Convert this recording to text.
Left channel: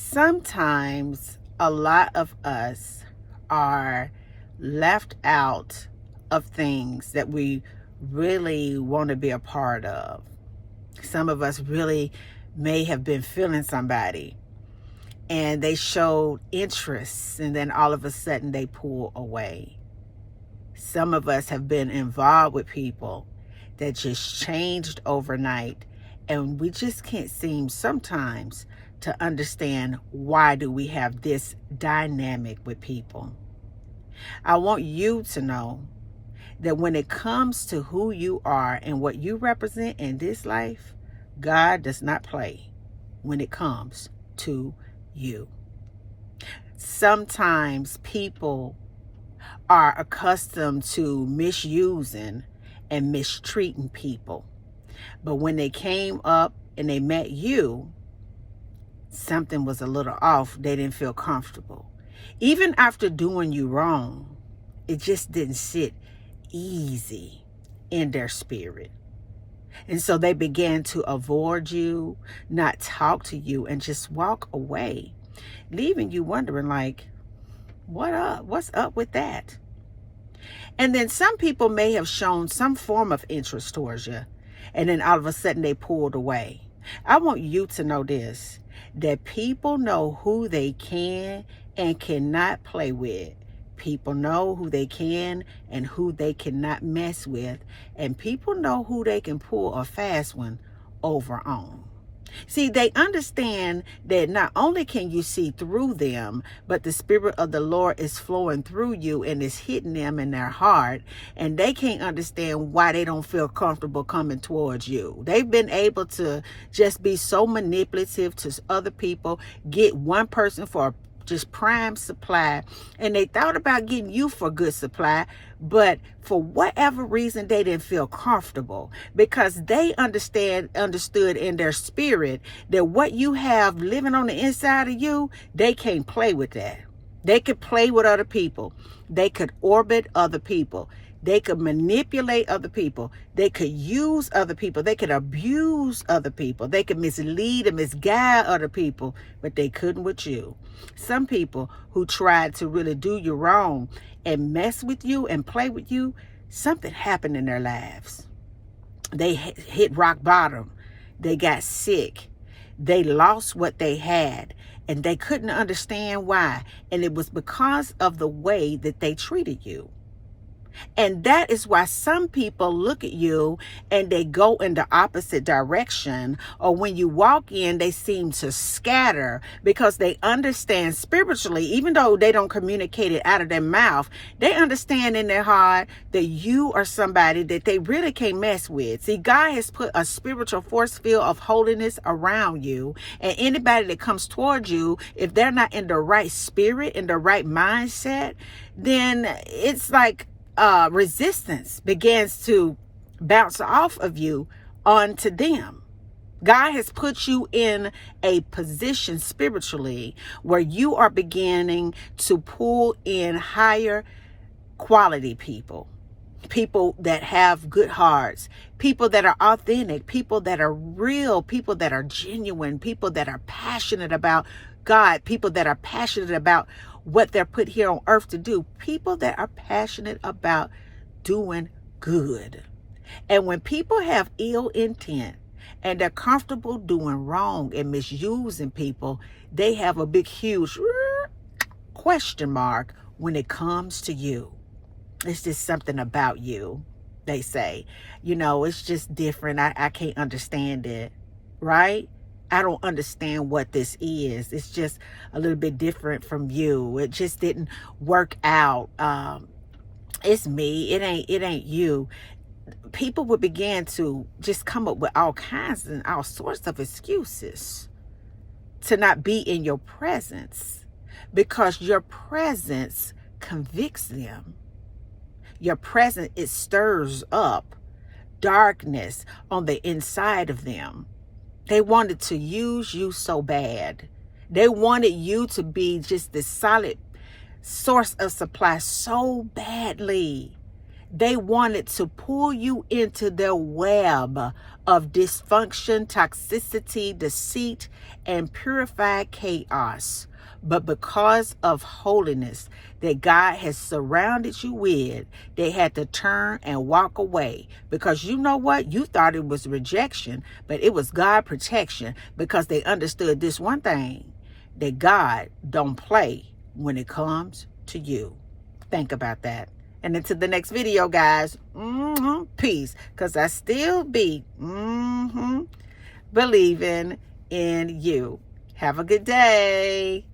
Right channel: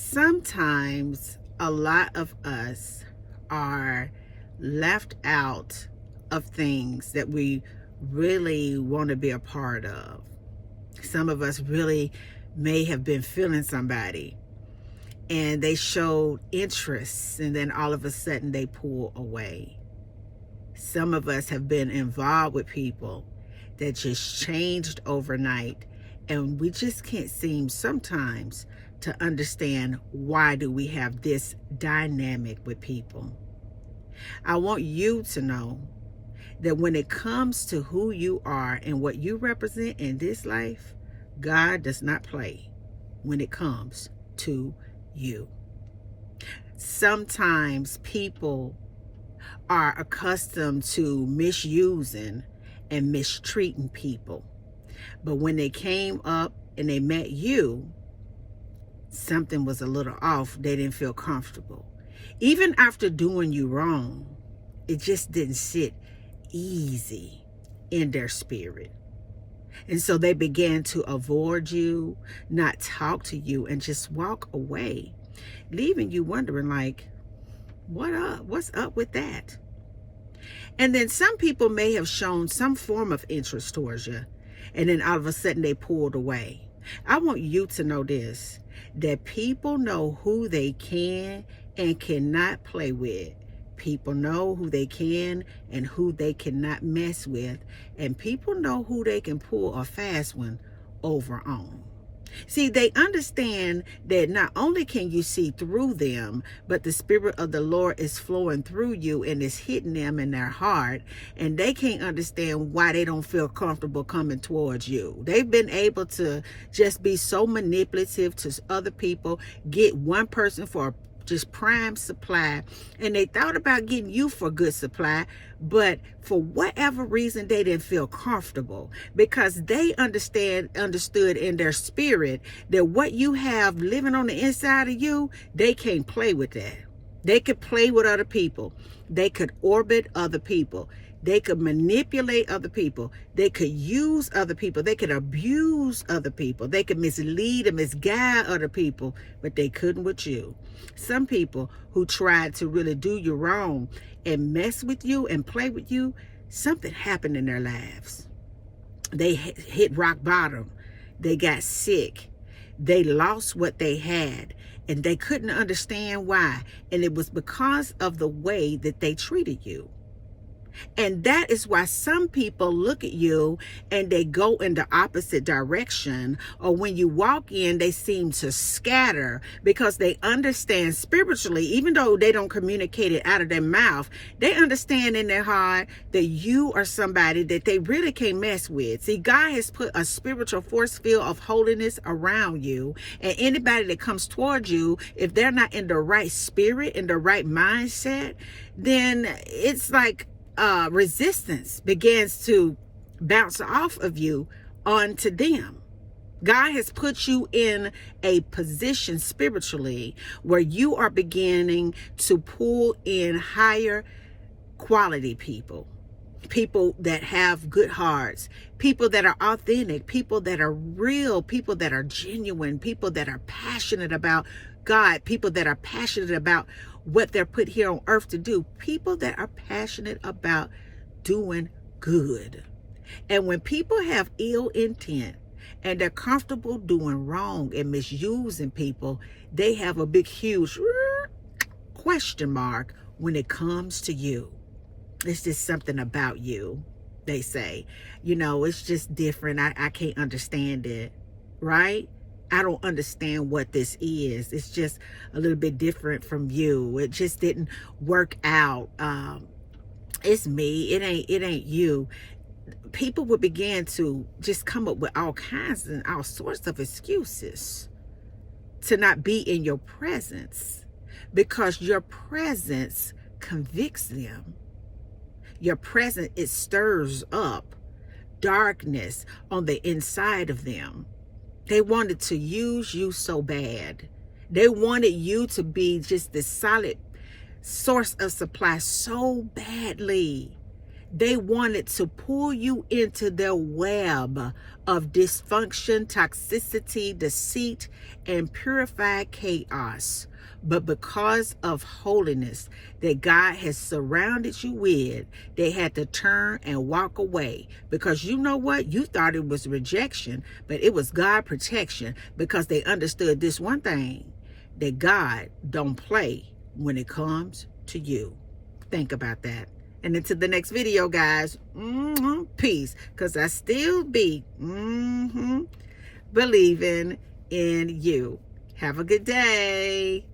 Sometimes a lot of us are left out of things that we really want to be a part of. Some of us really may have been feeling somebody and they showed interest, and then all of a sudden they pull away. Some of us have been involved with people that just changed overnight, and we just can't seem sometimes to understand why do we have this dynamic with people. I want you to know that when it comes to who you are and what you represent in this life, God does not play when it comes to you. Sometimes people are accustomed to misusing and mistreating people. But when they came up and they met you, something was a little off. They didn't feel comfortable. Even after doing you wrong, it just didn't sit easy in their spirit. And so they began to avoid you, not talk to you, and just walk away, leaving you wondering like, what's up with that? And then some people may have shown some form of interest towards you, and then all of a sudden they pulled away. I want you to know this, that people know who they can and cannot play with. People know who they can and who they cannot mess with. And people know who they can pull a fast one over on. See, they understand that not only can you see through them, but the Spirit of the Lord is flowing through you and is hitting them in their heart. And they can't understand why they don't feel comfortable coming towards you. They've been able to just be so manipulative to other people, get one person for just prime supply, and they thought about getting you for good supply, but for whatever reason they didn't feel comfortable, because they understood in their spirit that what you have living on the inside of you, they can't play with that. They could play with other people, they could orbit other people, they could manipulate other people, they could use other people, they could abuse other people, they could mislead and misguide other people, but they couldn't with you. Some people who tried to really do you wrong and mess with you and play with you, something happened in their lives. They hit rock bottom, they got sick, they lost what they had, and they couldn't understand why. And it was because of the way that they treated you. And that is why some people look at you and they go in the opposite direction, or when you walk in, they seem to scatter, because they understand spiritually, even though they don't communicate it out of their mouth, they understand in their heart that you are somebody that they really can't mess with. See, God has put a spiritual force field of holiness around you, and anybody that comes towards you, if they're not in the right spirit, in the right mindset, then it's like resistance begins to bounce off of you onto them. God has put you in a position spiritually where you are beginning to pull in higher quality people, people that have good hearts, people that are authentic, people that are real, people that are genuine, people that are passionate about God, people that are passionate about what they're put here on earth to do, people that are passionate about doing good. And when people have ill intent and they're comfortable doing wrong and misusing people, they have a big, huge question mark when it comes to you. It's just something about you, they say. You know, it's just different. I can't understand it, right? I don't understand what this is. It's just a little bit different from you. It just didn't work out. It's me. It ain't you. People would begin to just come up with all kinds and all sorts of excuses to not be in your presence, because your presence convicts them. Your presence, it stirs up darkness on the inside of them. They wanted to use you so bad. They wanted you to be just this solid source of supply so badly. They wanted to pull you into their web of dysfunction, toxicity, deceit, and purified chaos, but because of holiness that God has surrounded you with, they had to turn and walk away. Because you know what? You thought it was rejection, but it was God protection, because they understood this one thing, that God don't play when it comes to you. Think about that. And until the next video, guys, peace. Because I still be believing in you. Have a good day.